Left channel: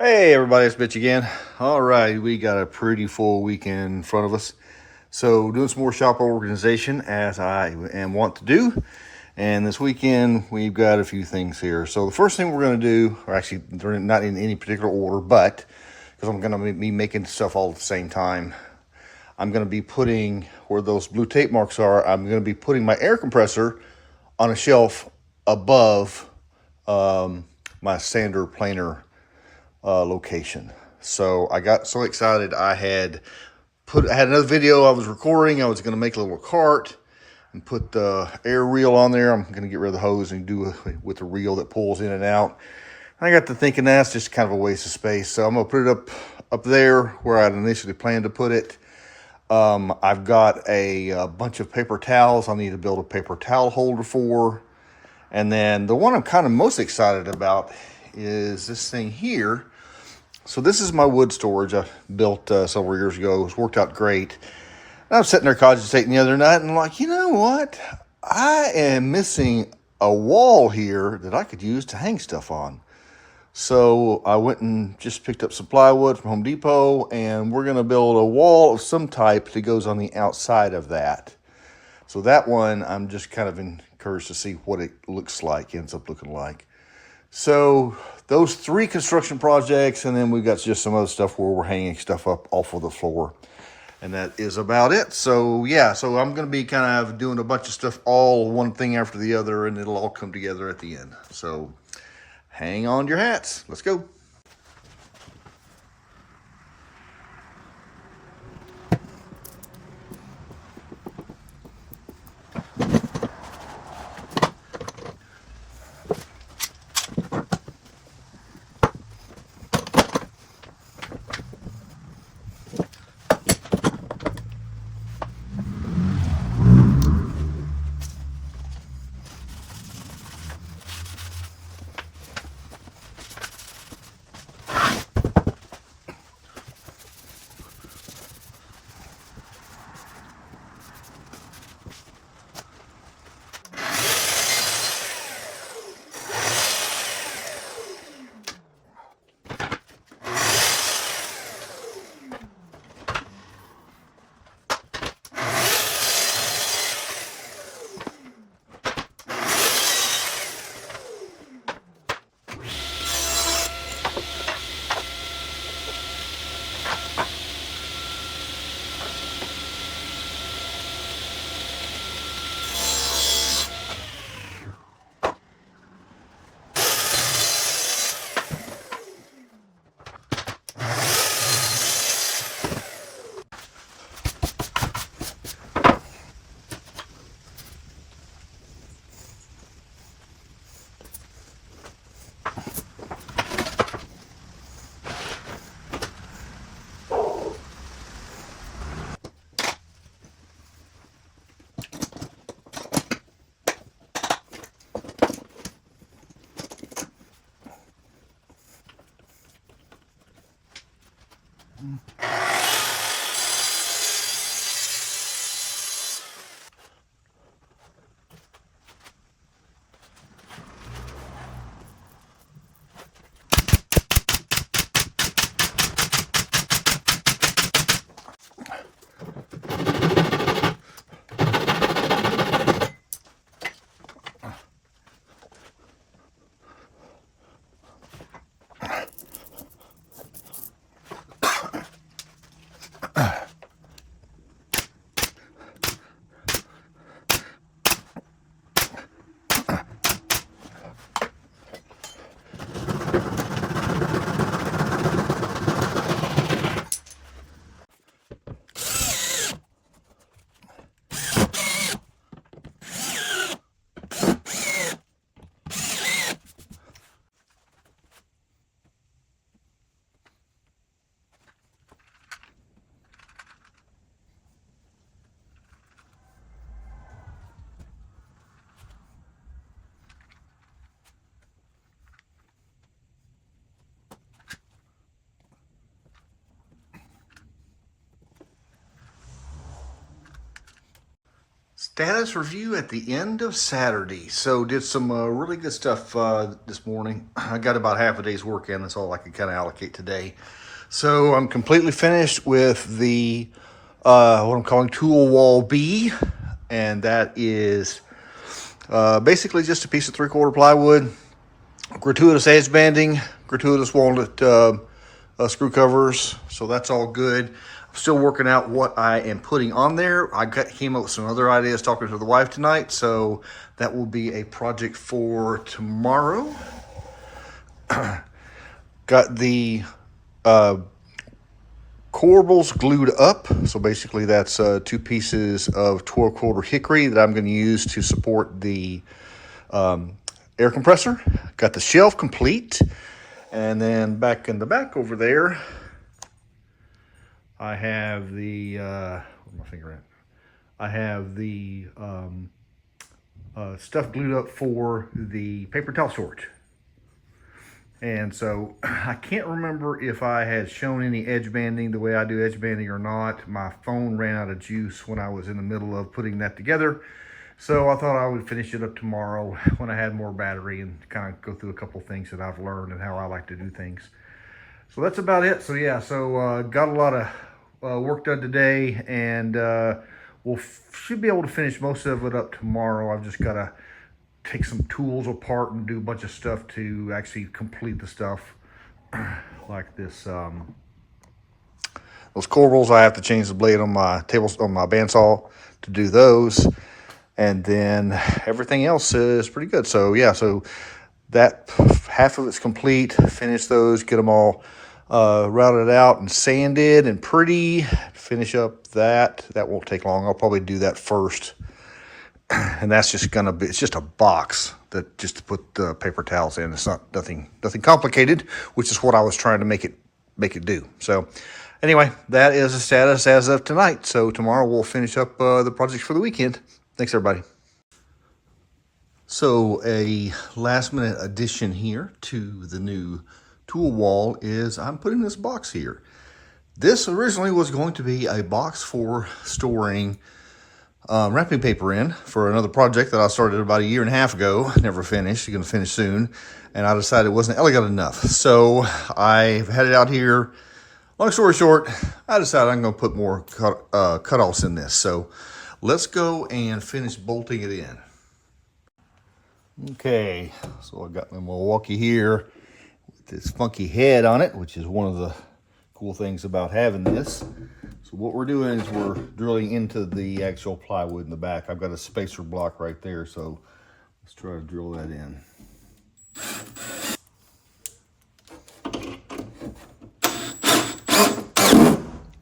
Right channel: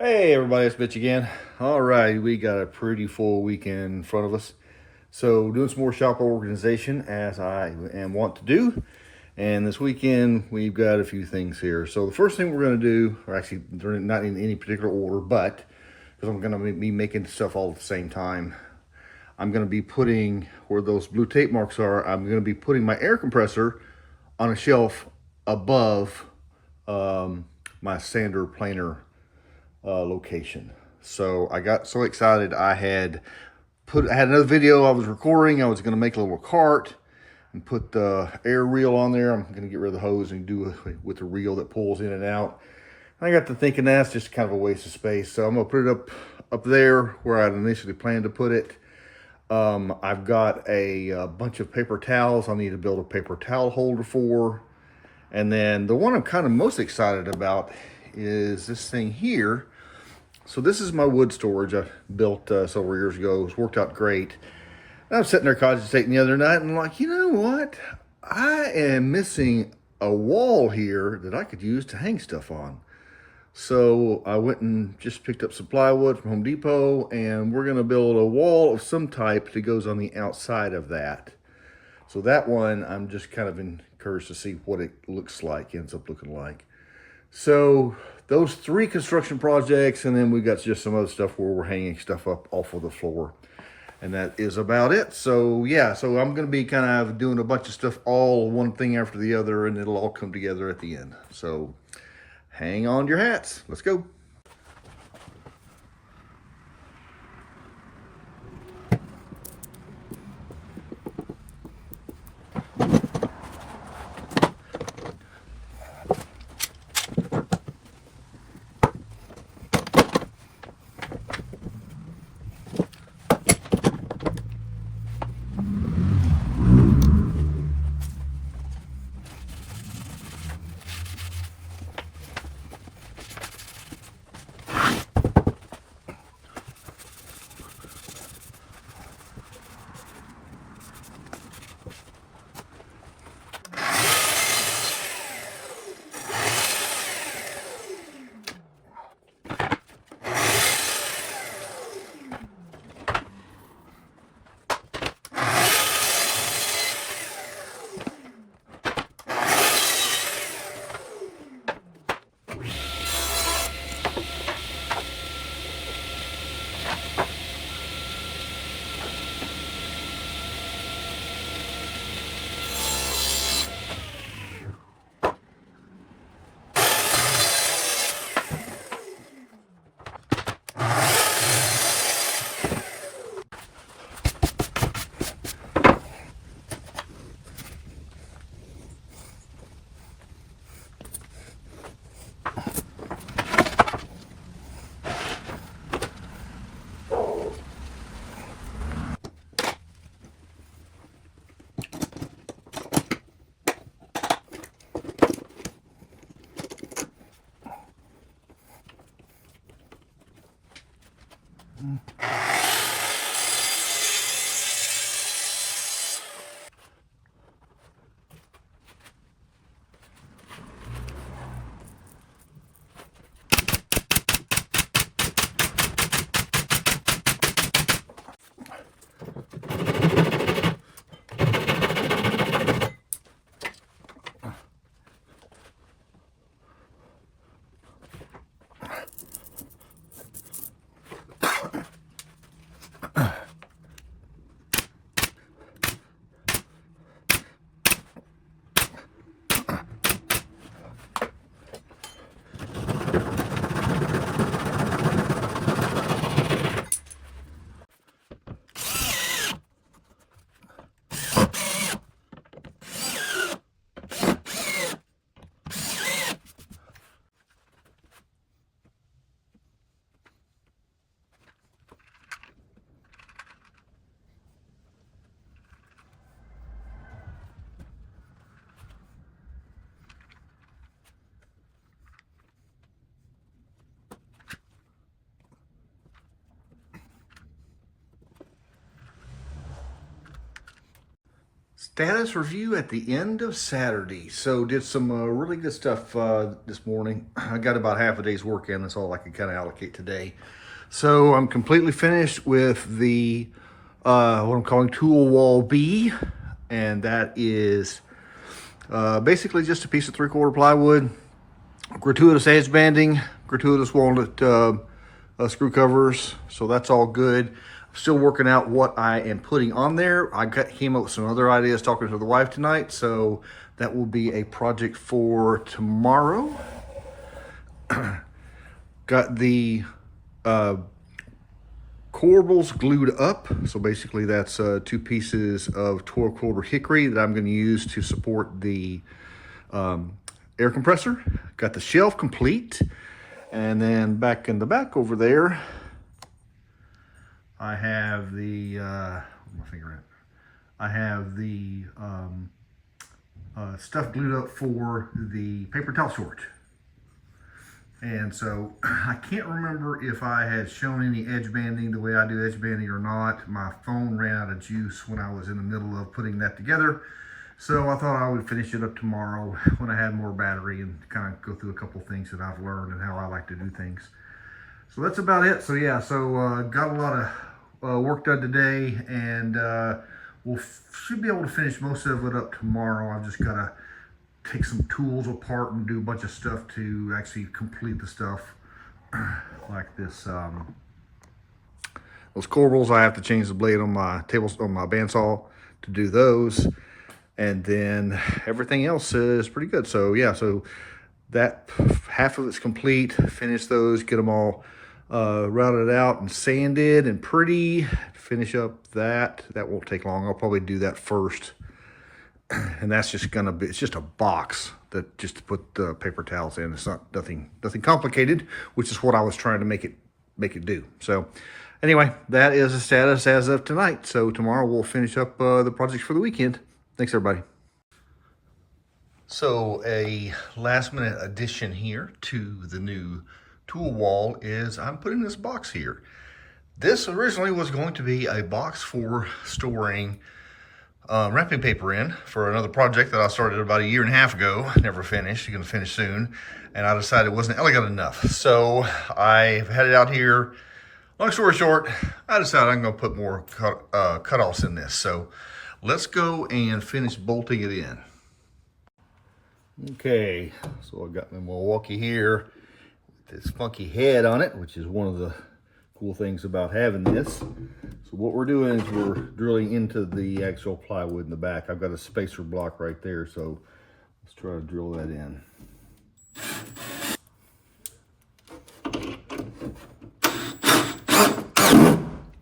Hey everybody, it's Mitch again. All right, we got a pretty full weekend in front of us. So doing some more shop organization as I am wont to do. And this weekend we've got a few things here. So the first thing we're going to do, or actually they're not in any particular order, but because I'm going to be making stuff all at the same time, I'm going to be putting where those blue tape marks are. I'm going to be putting my air compressor on a shelf above my sander planer location. So I got so excited. I had another video I was recording. I was going to make a little cart and put the air reel on there. I'm going to get rid of the hose and do it with the reel that pulls in and out. And I got to thinking that's just kind of a waste of space. So I'm going to put it up there where I'd initially planned to put it. I've got a bunch of paper towels I need to build a paper towel holder for. And then the one I'm kind of most excited about is this thing here. So this is my wood storage I built several years ago. It's worked out great. And I was sitting there cogitating the other night and I'm like, you know what? I am missing a wall here that I could use to hang stuff on. So I went and just picked up some plywood from Home Depot, and we're going to build a wall of some type that goes on the outside of that. So that one, I'm just kind of encouraged to see what it looks like, ends up looking like. So those three construction projects, and then we've got just some other stuff where we're hanging stuff up off of the floor. And that is about it. So yeah, so I'm going to be kind of doing a bunch of stuff, all one thing after the other, and it'll all come together at the end. So hang on your hats. Let's go. status review at the end of Saturday. So did some really good stuff this morning. I got about half a day's work in. That's all I could kind of allocate today. So I'm completely finished with the what I'm calling tool wall B, and that is basically just a piece of 3/4 plywood, gratuitous edge banding, gratuitous walnut screw covers. So that's all good. I'm still working out what I am putting on there. Came up with some other ideas talking to the wife tonight, so that will be a project for tomorrow. Got the corbels glued up. So basically that's 2 pieces of 12/4 hickory that I'm going to use to support the air compressor. Got the shelf complete. And then back in the back over there, I have the, where's my finger at? I have the stuff glued up for the paper towel storage. And so I can't remember if I had shown any edge banding the way I do edge banding or not. My phone ran out of juice when I was in the middle of putting that together. So I thought I would finish it up tomorrow when I had more battery and kind of go through a couple things that I've learned and how I like to do things. So that's about it. So yeah, got a lot of work done today, and should be able to finish most of it up tomorrow. I've just got to take some tools apart and do a bunch of stuff to actually complete the stuff like this. Those corbels, I have to change the blade on my bandsaw to do those, and then everything else is pretty good. So yeah, so that half of it's complete. Finish those, get them all routed out and sanded and pretty. Finish up that won't take long. I'll probably do that first. And that's just gonna be, it's just a box that just to put the paper towels in. It's not nothing complicated, which is what I was trying to make it do. So anyway, that is the status as of tonight. So tomorrow we'll finish up the projects for the weekend. Thanks everybody. So a last minute addition here to the new tool wall is I'm putting this box here. This originally was going to be a box for storing wrapping paper in for another project that I started about 1.5 years ago. Never finished. Going to finish soon, and I decided it wasn't elegant enough, so I had it out here. Long story short, I decided I'm going to put more cutoffs in this. So let's go and finish bolting it in. Okay, so I got my Milwaukee here with this funky head on it, which is one of the cool things about having this. So what we're doing is we're drilling into the actual plywood in the back. I've got a spacer block right there, so let's try to drill that in.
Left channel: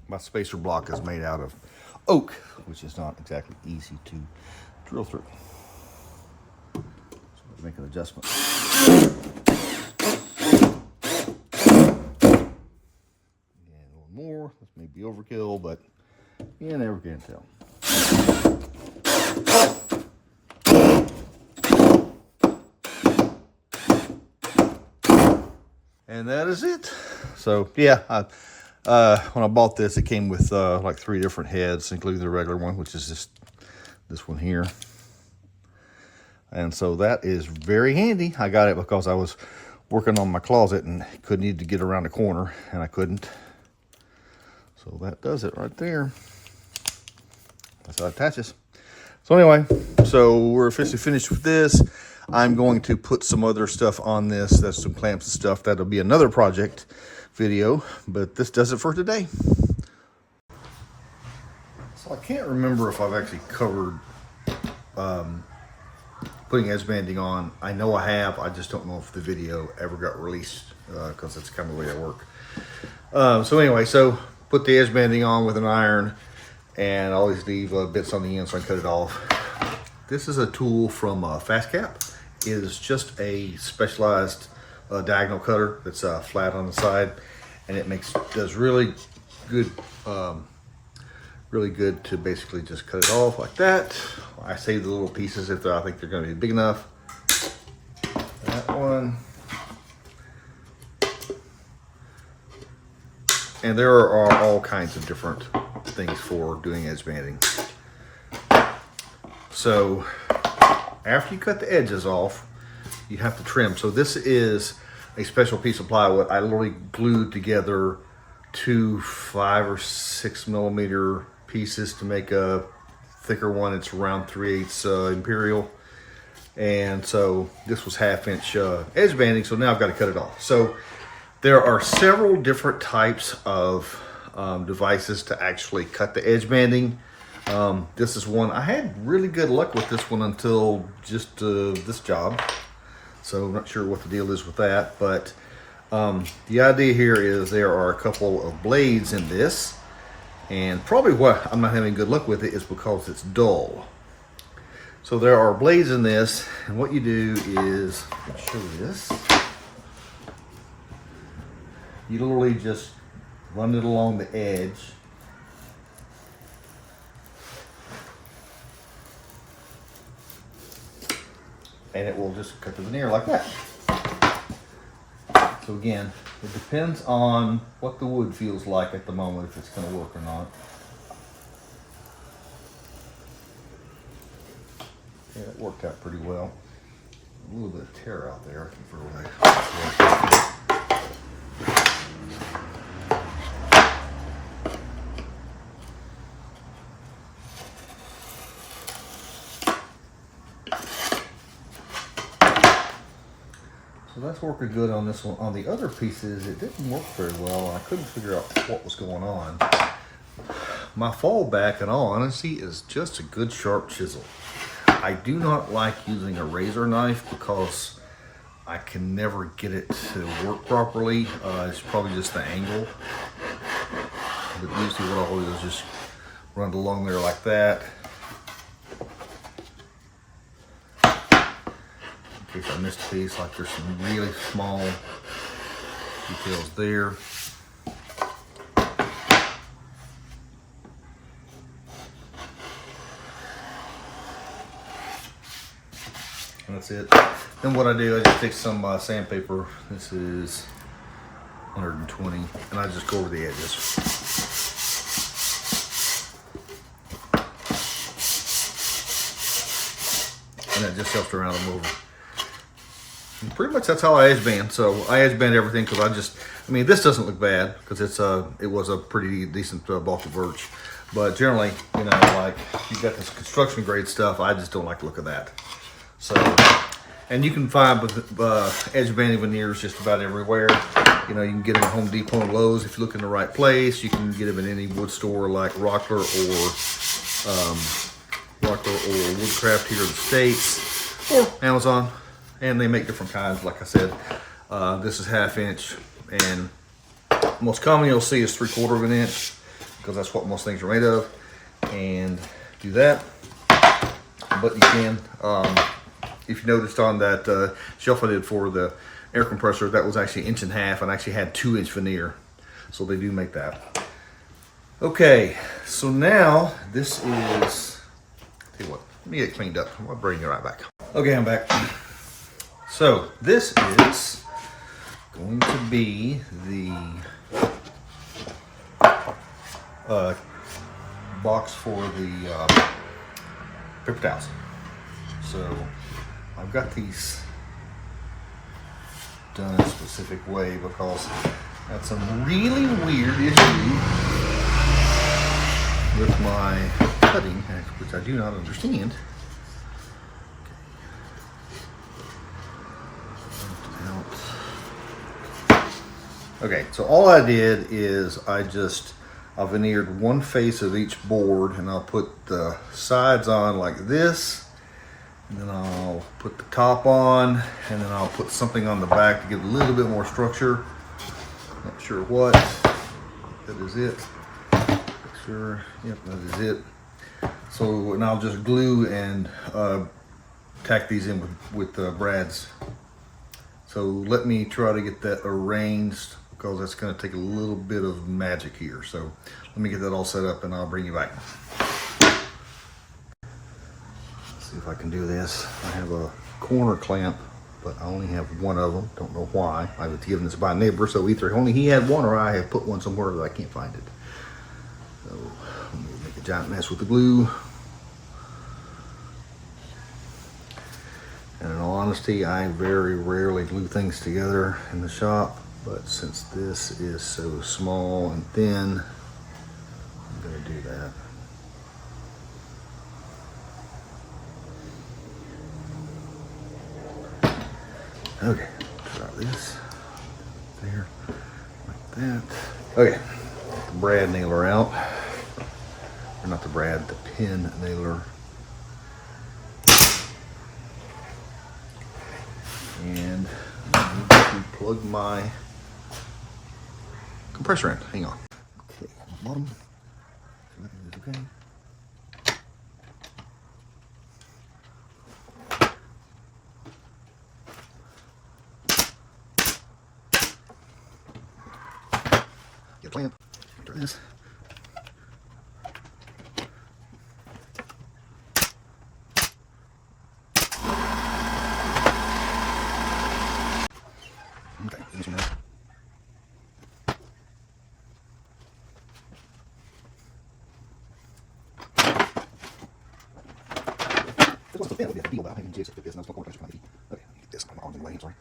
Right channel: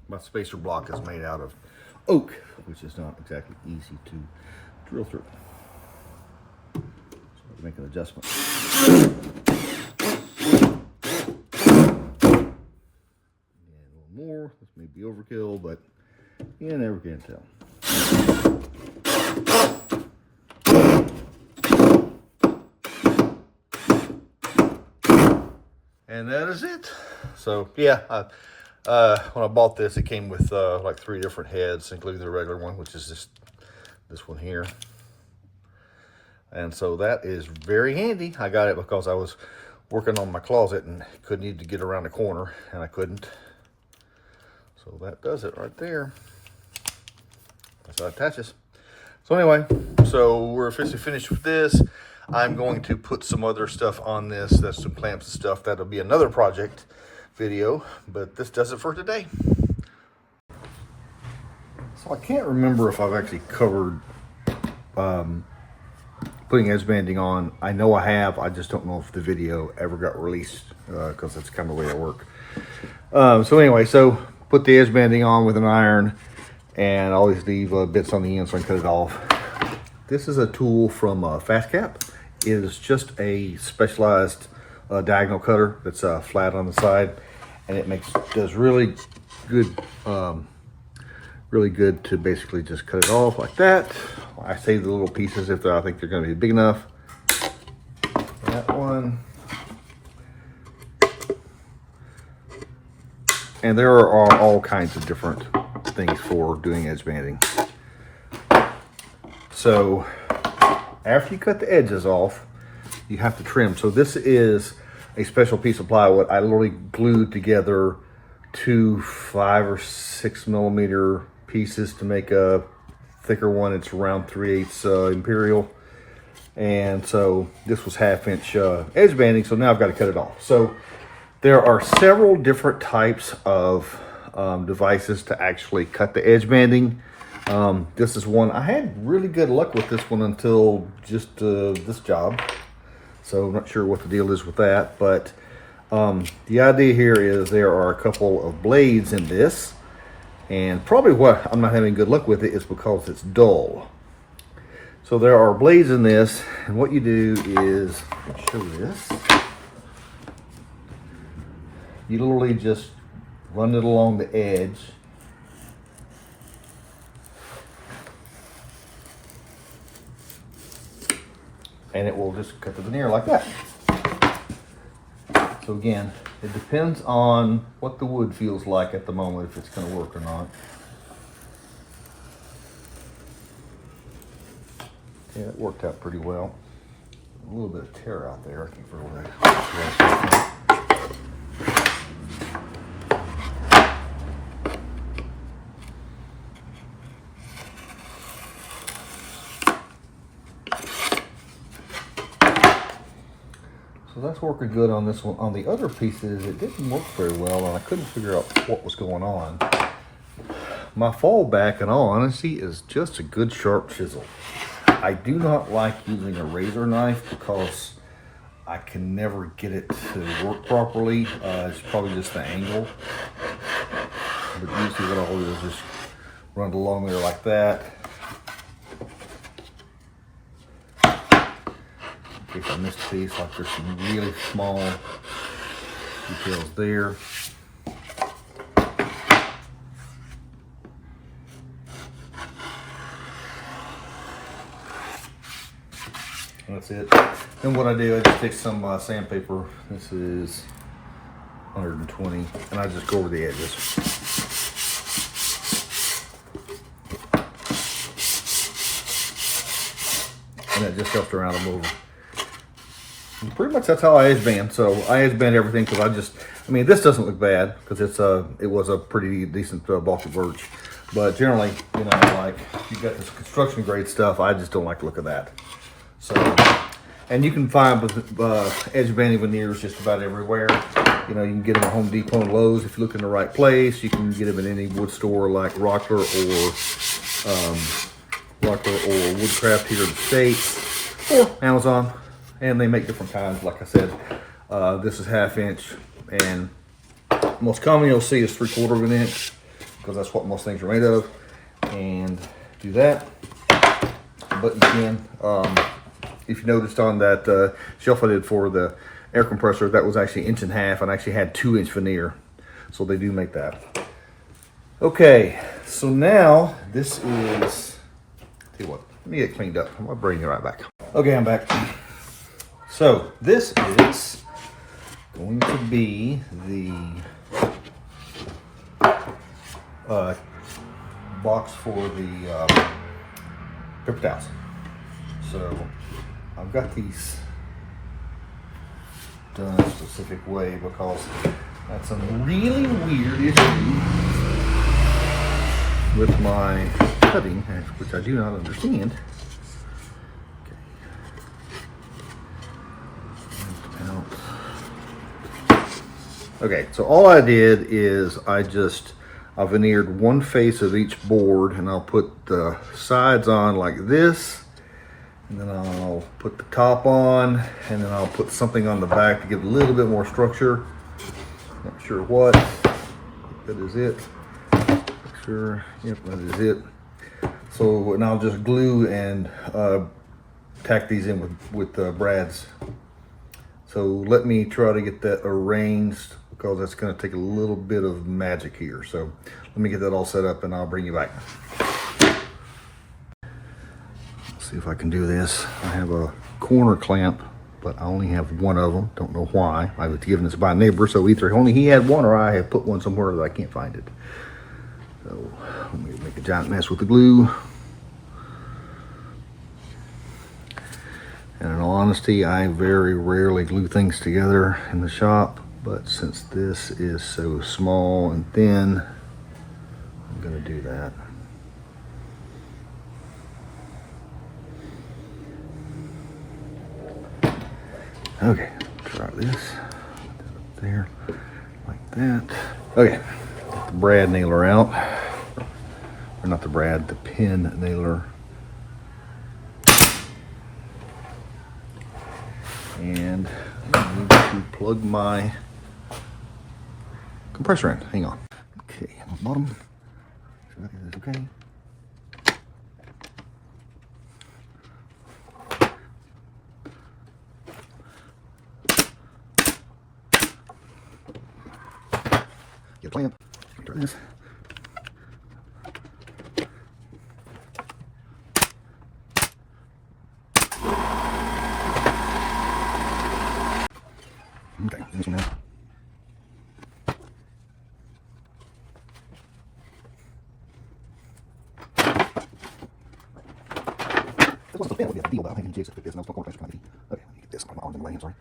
My spacer block is made out of oak, which is not exactly easy to drill through. So I'll make an adjustment. More. This may be overkill, but you never can tell. And that is it. So yeah, when I bought this, it came with like 3 different heads, including the regular one, which is just this one here. And so that is very handy. I got it because I was working on my closet and needed to get around the corner, and I couldn't. So that does it right there. That's how it attaches. So anyway, so we're officially finished with this. I'm going to put some other stuff on this. That's some clamps and stuff. That'll be another project video, but this does it for today. So I can't remember if I've actually covered putting edge banding on. I know I have. I just don't know if the video ever got released because that's kind of the way I work. So anyway, so put the edge banding on with an iron, and I always leave bits on the end so I can cut it off. This is a tool from Fast Cap. It is just a specialized diagonal cutter that's flat on the side, and it does really good to basically just cut it off like that. I save the little pieces if I think they're going to be big enough. That one. And there are all kinds of different things for doing edge banding. So after you cut the edges off, you have to trim. So this is a special piece of plywood. I literally glued together 2 5 or 6 millimeter pieces to make a thicker one. It's around 3/8 imperial. And so this was 1/2 inch edge banding. So now I've got to cut it off. So there are several different types of devices to actually cut the edge banding. This is one, I had really good luck with this one until just this job. So I'm not sure what the deal is with that, but the idea here is there are a couple of blades in this, and probably what I'm not having good luck with it is because it's dull. So there are blades in this, and what you do is, let's show this. You literally just run it along the edge. And it will just cut the veneer like that. So again, it depends on what the wood feels like at the moment, if it's going to work or not. Yeah, it worked out pretty well. A little bit of tear out there. I can't remember what So that's working good on this one. On the other pieces, it didn't work very well, and I couldn't figure out what was going on. My fallback, in all honesty, is just a good sharp chisel. I do not like using a razor knife because I can never get it to work properly. It's probably just the angle. But usually what I'll do is just run it along there like that. In case I missed a piece, like there's some really small details there. And that's it. Then what I do, I just take some sandpaper. This is 120, and I just go over the edges. And that just helps to round them over. And pretty much that's how I edge band. So I edge band everything because I mean, this doesn't look bad because it was a pretty decent bulky birch. But generally, you know, like you got this construction grade stuff, I just don't like the look of that. So, and you can find edge banding veneers just about everywhere. You know, you can get them at Home Depot and Lowe's if you look in the right place. You can get them in any wood store like Rockler or Woodcraft here in the States, or Amazon. And they make different kinds. Like I said, this is 1/2 inch, and most commonly you'll see is 3/4 of an inch because that's what most things are made of. And do that. But you can, if you noticed on that shelf I did for the air compressor, that was actually 1.5 inches, and I actually had 2 inch veneer. So they do make that. Okay, so now this is, tell you what, let me get cleaned up. I'll bring it right back. Okay, I'm back. So this is going to be the box for the paper towels. So I've got these done a specific way because I had some really weird issue with my cutting, which I do not understand. Okay, so all I did is I veneered one face of each board, and I'll put the sides on like this, and then I'll put the top on, and then I'll put something on the back to give a little bit more structure. Not sure what. That is it. Sure. Yep, that is it. So, and I'll just glue and tack these in with brads. So let me try to get that arranged because that's going to take a little bit of magic here. So let me get that all set up and I'll bring you back. Let's see if I can do this. I have a corner clamp, but I only have one of them. Don't know why. I was given this by a neighbor, so either only he had one or I have put one somewhere that I can't find it. So let me make a giant mess with the glue. honesty, I very rarely glue things together in the shop, but since this is so small and thin, I'm going to do that. Okay, try this there, like that. Okay, the brad nailer out, or not the brad, the pin nailer. And I need to plug my compressor in. Hang on. Okay, on the bottom. Okay. Get a plant. Turn this. Okay, this one. This wasn't so thin, it would be a deal, but I think you take this, and I'm still going to pressure. Okay, get this on my arms in the way, I'm sorry.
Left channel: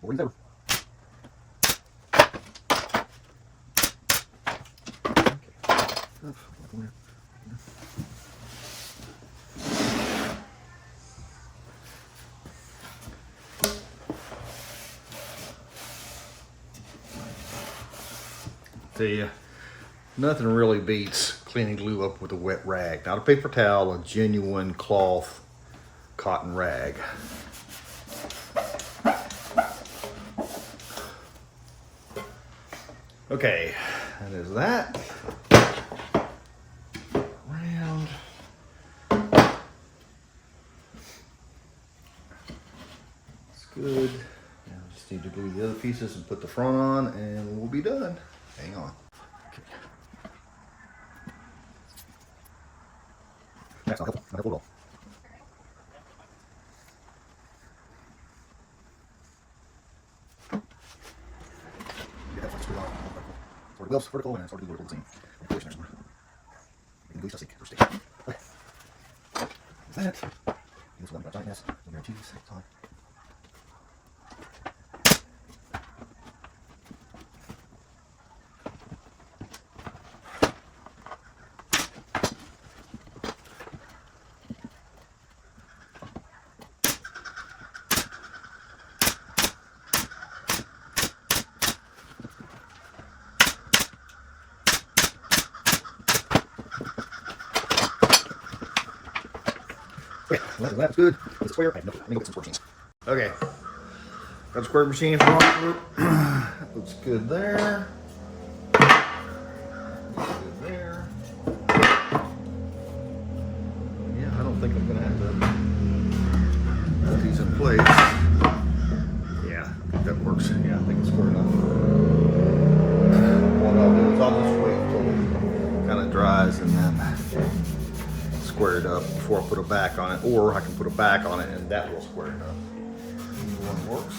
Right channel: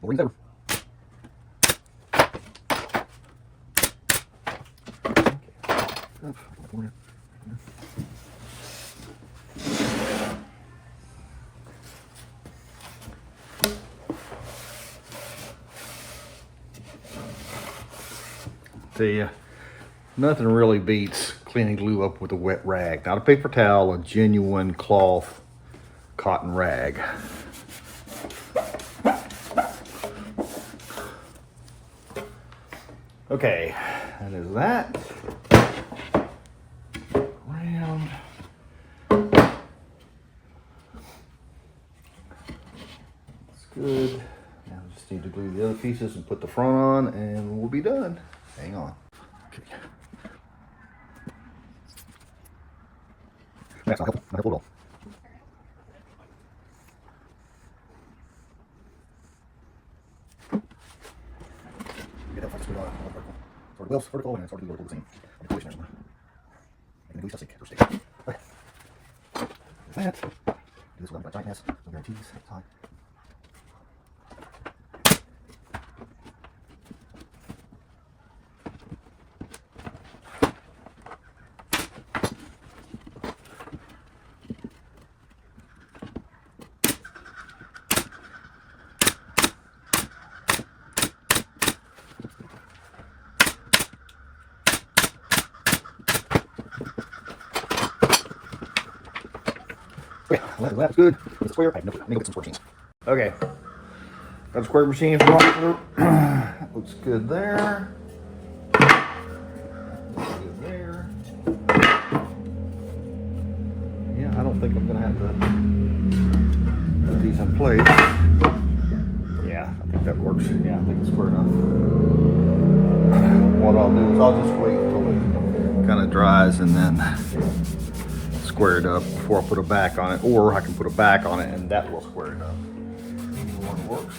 We'll bring it over. Tell you, nothing really beats cleaning glue up with a wet rag. Not a paper towel, a genuine cloth cotton rag. Okay, that is that. Round. That's good. Now we just need to glue the other pieces and put the front on, and we'll be done. Hang on. Okay. That's not helpful. Not helpful at all. Get that focus on vertical. Sort of wheels vertical and sort of vertical the same. Position somewhere. Make it stick or stick. Okay. That. Do this one by tightness. No guarantees. Time. That's good. It's a square. I need to get some square machines. Okay. Got a square machine for walk through. That looks good there. Looks good there. Yeah, I don't think I'm gonna have to put these in place. Yeah, I think that works. Yeah, I think it's square enough. What I'll do is I'll just wait until it kind of dries and then square it up before I put a back on it, or I can put a back on it and that will square it up. Either one works.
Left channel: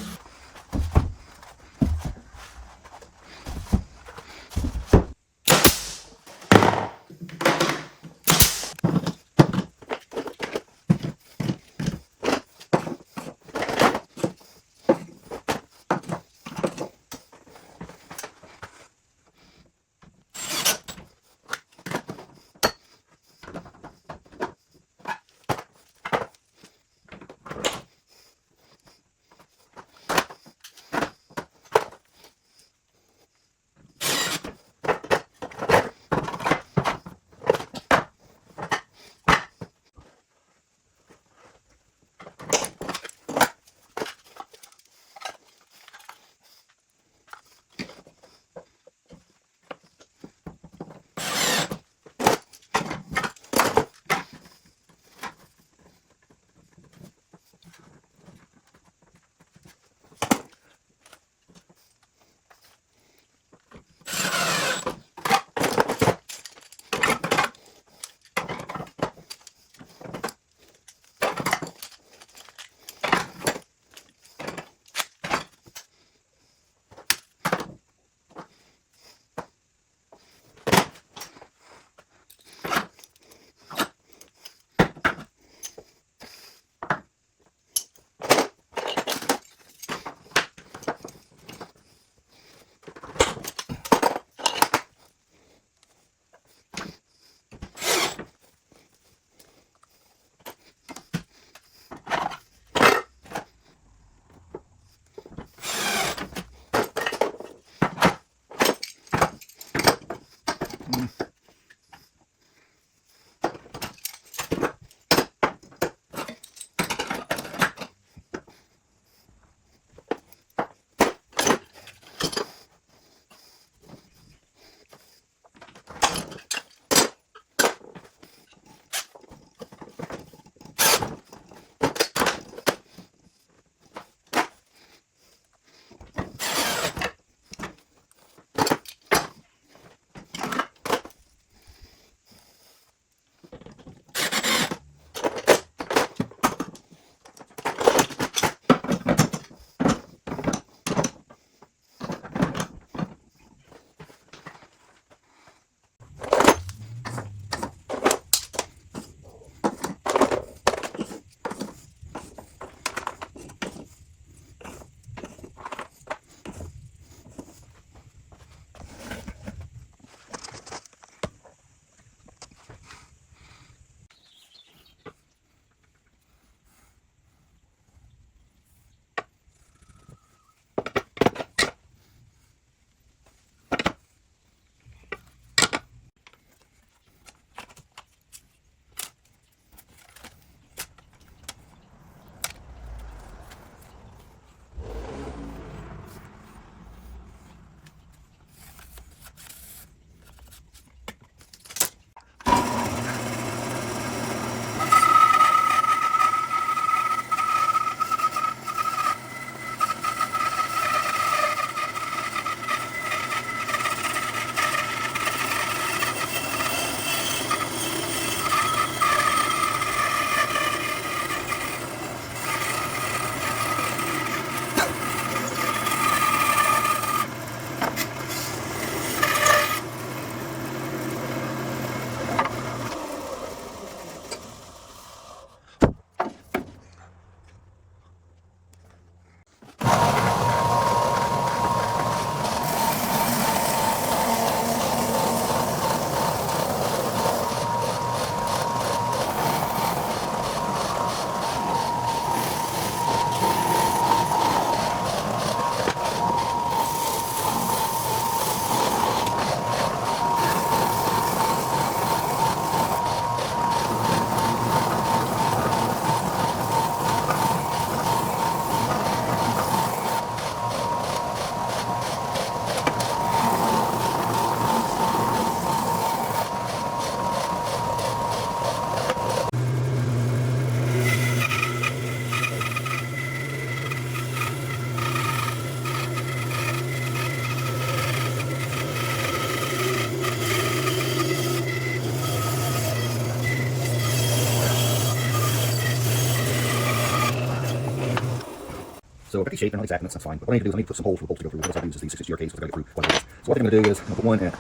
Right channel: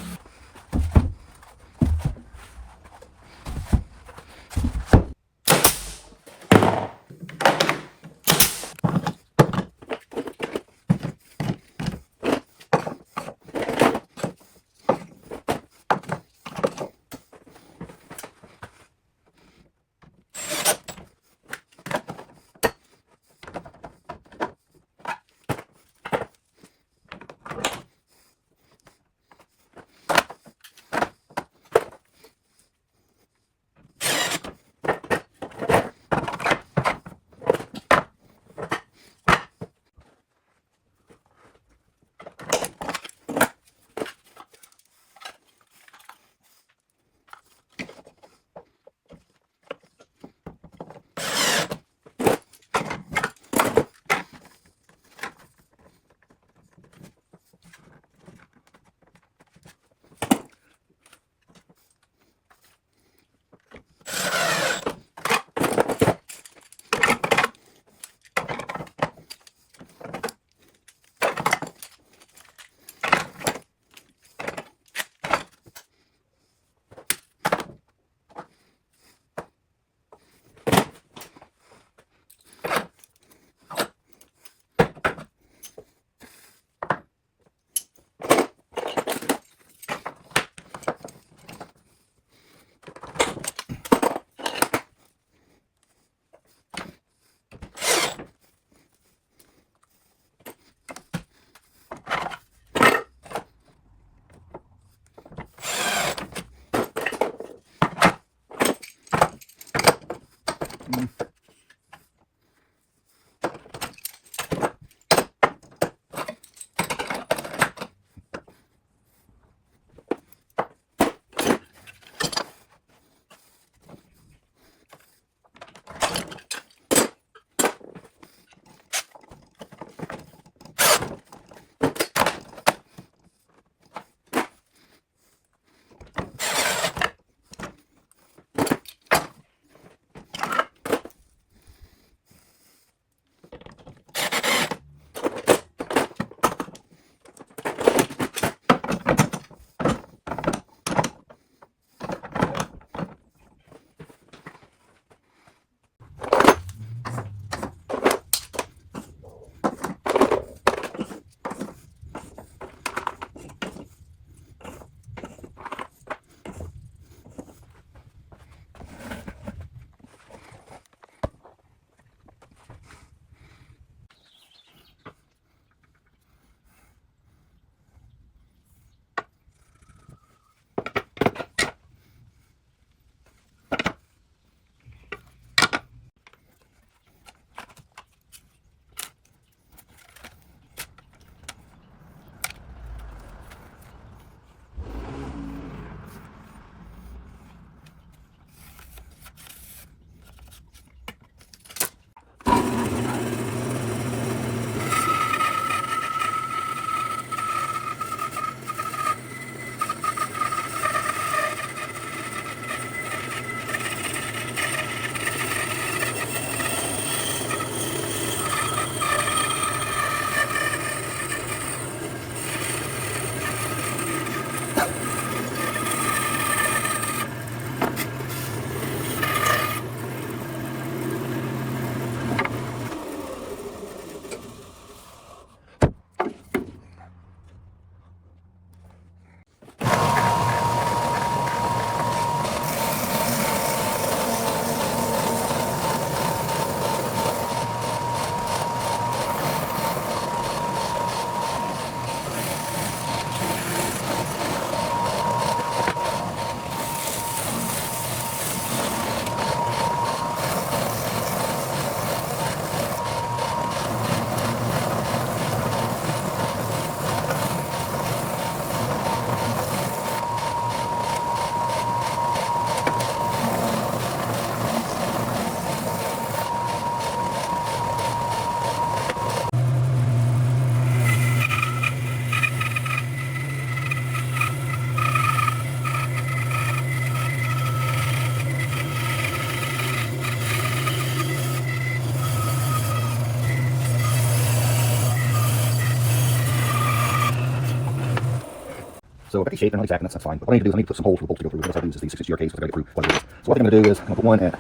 So if I shape, they're not exact, and that's fine. But what I need to do is I need to put some holes for the bolts to go through. What I use is these 6 GR cables to get through what it is. So what I'm going to do is I'm going to put one at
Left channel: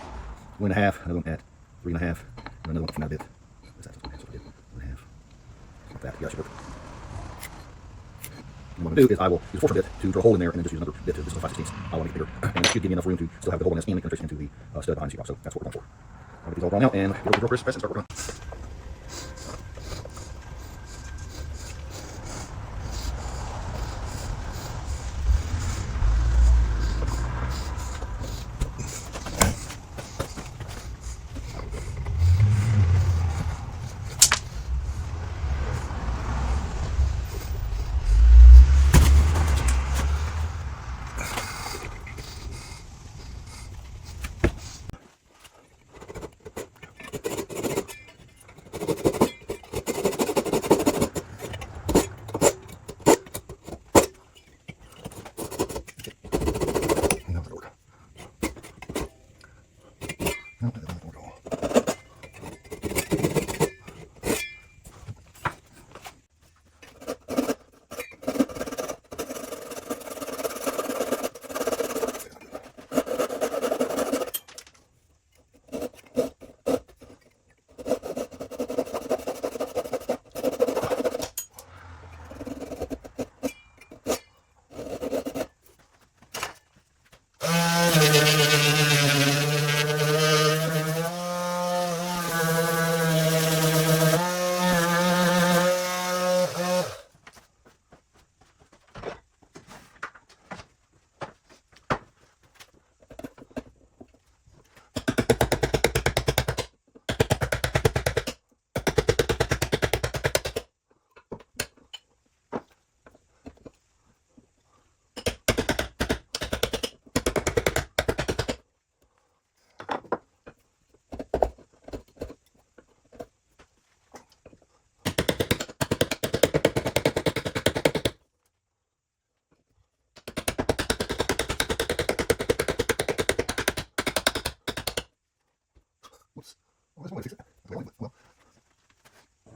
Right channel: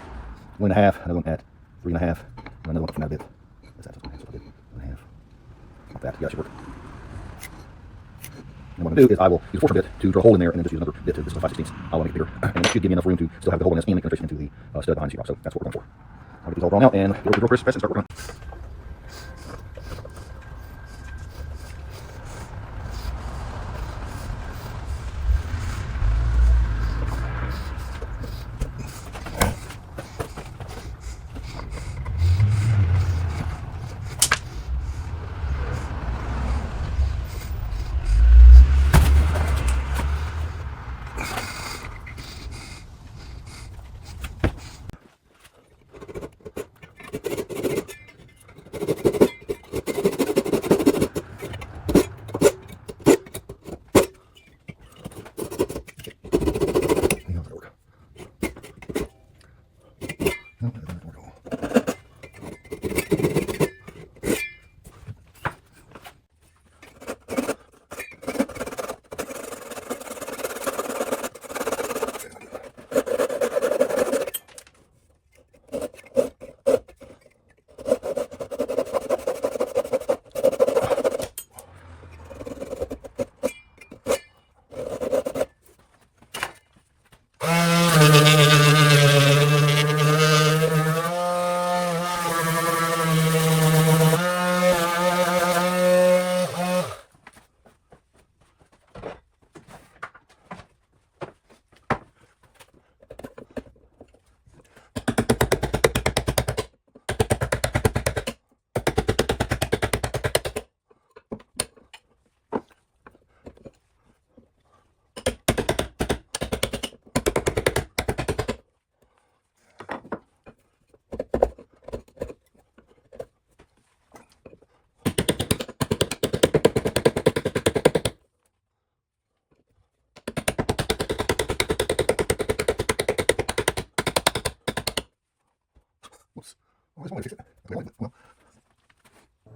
1.5, another one at 3.5, and another one from that bit. What's that? So I did 1.5. Like that. Yeah, that should work. And what I'm going to do is I will use a forcer bit to drill a hole in there, and then just use another bit to, this is a 5/16. I'll make it bigger. And it should give me enough room to still have the hole in this and make penetration into the stud behind the sheetrock. So that's what we're going for. I'll get these all drawn out and go to the drill press and start working.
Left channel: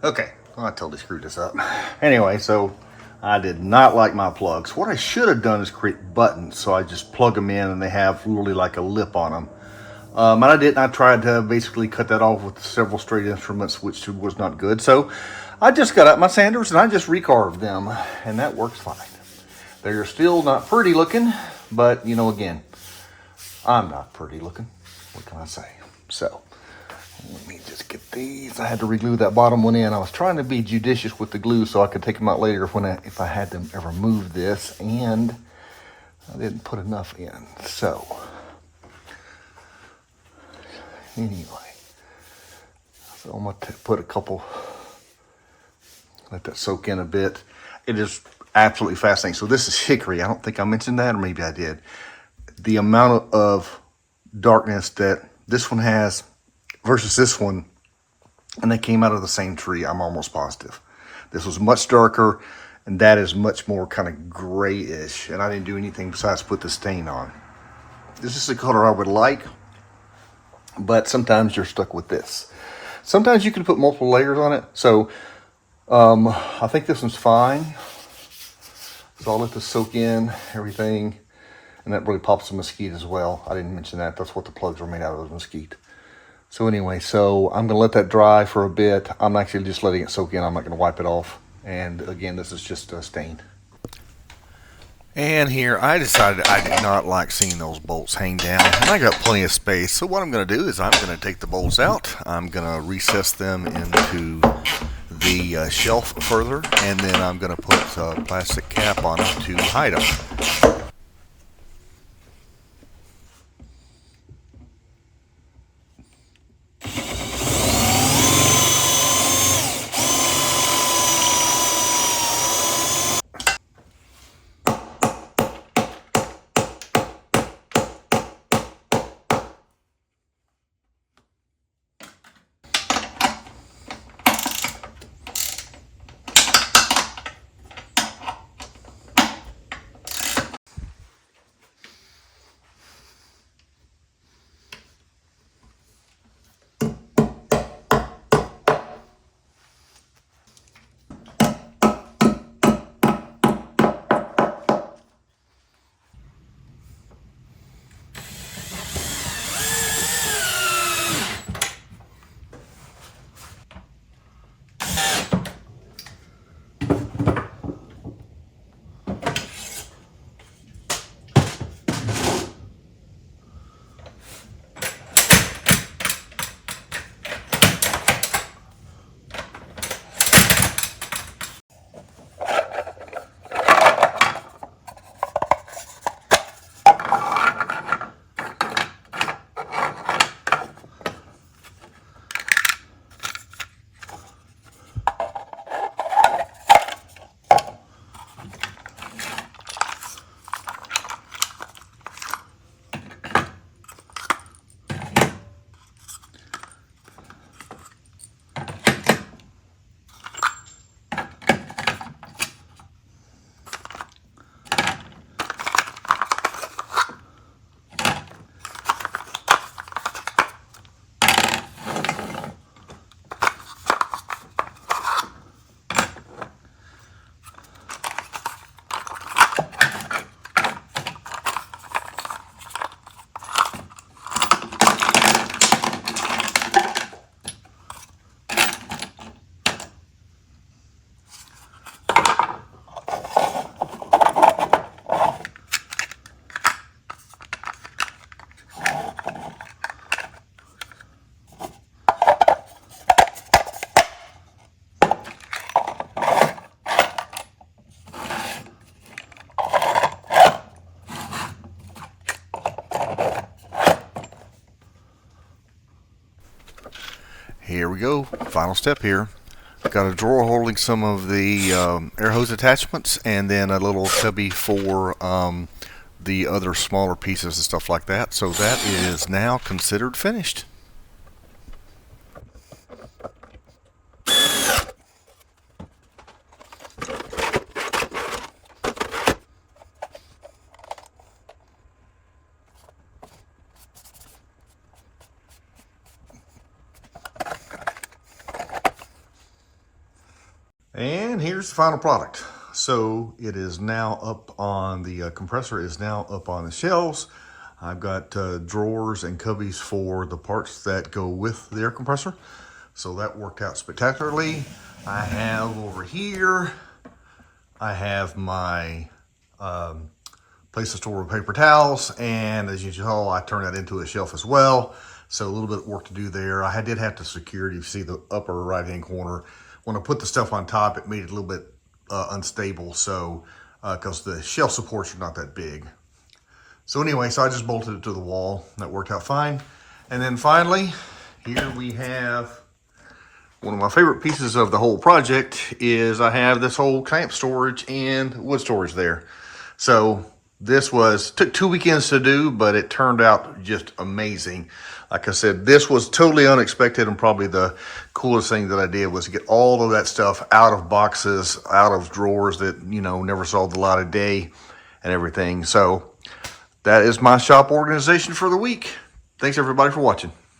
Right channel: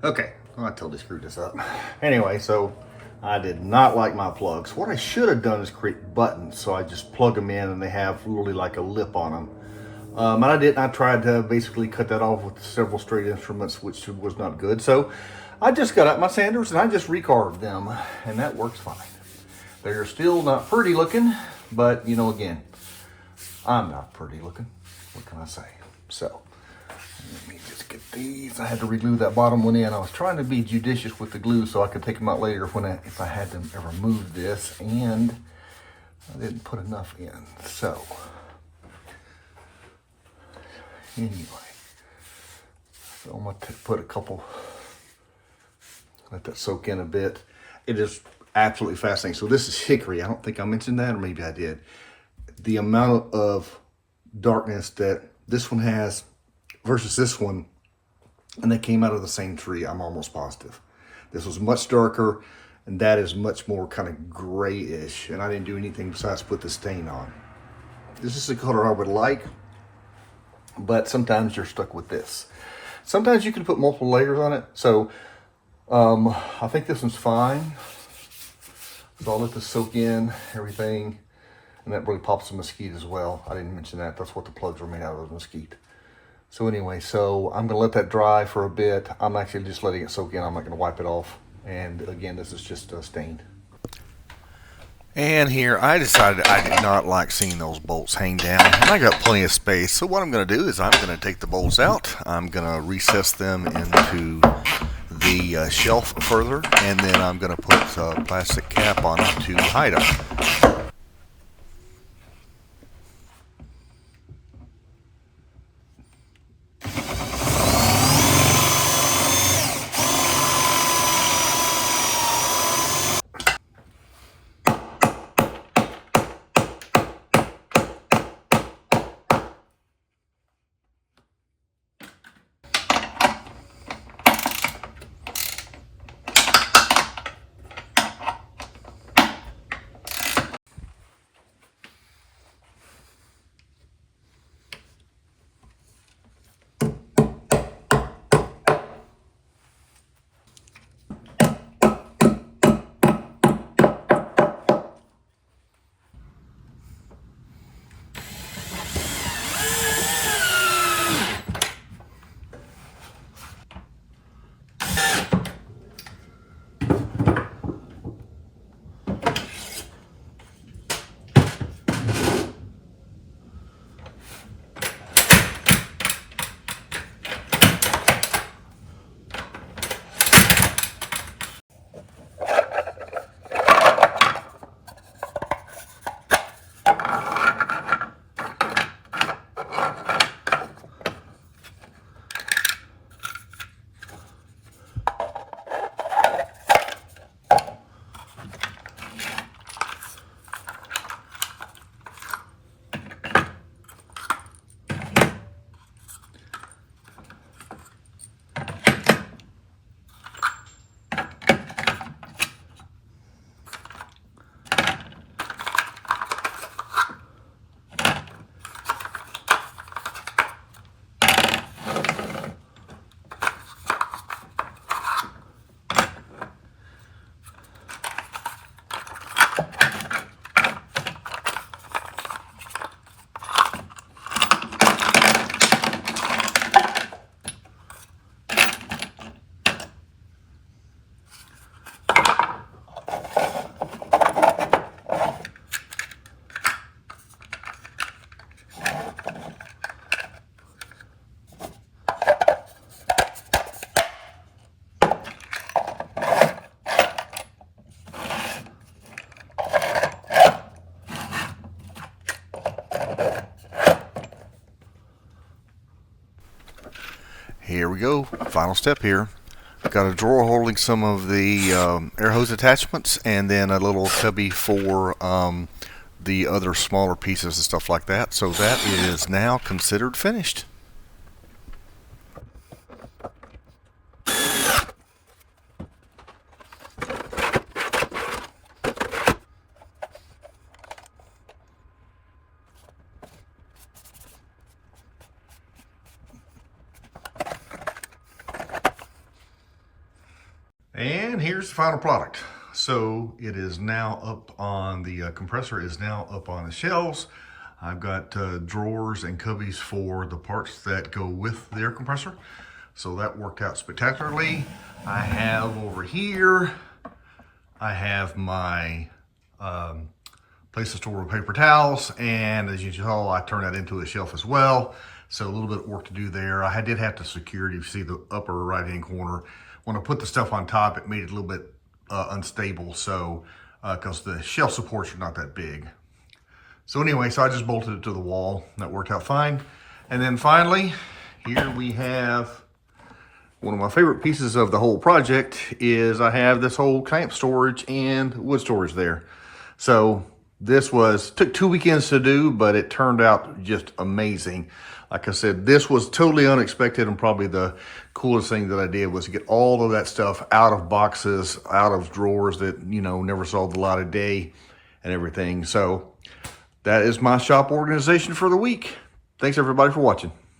Okay, well, I totally screwed this up. Anyway, so I did not like my plugs. What I should have done is create buttons, so I just plug them in and they have literally like a lip on them. And I didn't. I tried to basically cut that off with several straight instruments, which was not good. So I just got out my sanders and I just recarved them, and that works fine. They're still not pretty looking, but you know, again, I'm not pretty looking. What can I say? So let me just get these. I had to reglue that bottom one in. I was trying to be judicious with the glue so I could take them out later if I had to ever move this, and I didn't put enough in. So anyway, so I'm gonna put a couple, let that soak in a bit. It is absolutely fascinating. So this is hickory. I don't think I mentioned that, or maybe I did. The amount of darkness that this one has versus this one, and they came out of the same tree, I'm almost positive. This was much darker, and that is much more kind of grayish, and I didn't do anything besides put the stain on. This is the color I would like, but sometimes you're stuck with this. Sometimes you can put multiple layers on it. So I think this one's fine. So I'll let this soak in, everything. And that really pops the mesquite as well. I didn't mention that. That's what the plugs were made out of, mesquite. So anyway, so I'm gonna let that dry for a bit. I'm actually just letting it soak in. I'm not gonna wipe it off. And again, this is just stained. And here, I decided I did not like seeing those bolts hang down, and I got plenty of space. So what I'm going to do is I'm going to take the bolts out. I'm going to recess them into the shelf further, and then I'm going to put a plastic cap on it to hide them. Here we go, final step here. Got a drawer holding some of the air hose attachments, and then a little cubby for the other smaller pieces and stuff like that. So that is now considered finished. And here's the final product. So it is now up on the compressor is now up on the shelves. I've got drawers and cubbies for the parts that go with the air compressor. So that worked out spectacularly. I have over here, I have my place to store paper towels, and as you saw, I turned that into a shelf as well. So a little bit of work to do there. I did have to secure it. You see the upper right-hand corner. When I put the stuff on top, it made it a little bit unstable. So, because the shelf supports are not that big. So anyway, so I just bolted it to the wall. That worked out fine. And then finally, here we have one of my favorite pieces of the whole project is I have this whole clamp storage and wood storage there. So this took 2 weekends to do, but it turned out just amazing. Like I said, this was totally unexpected, and probably the coolest thing that I did was to get all of that stuff out of boxes, out of drawers that, you know, never saw the light of day and everything. So that is my shop organization for the week. Thanks everybody for watching.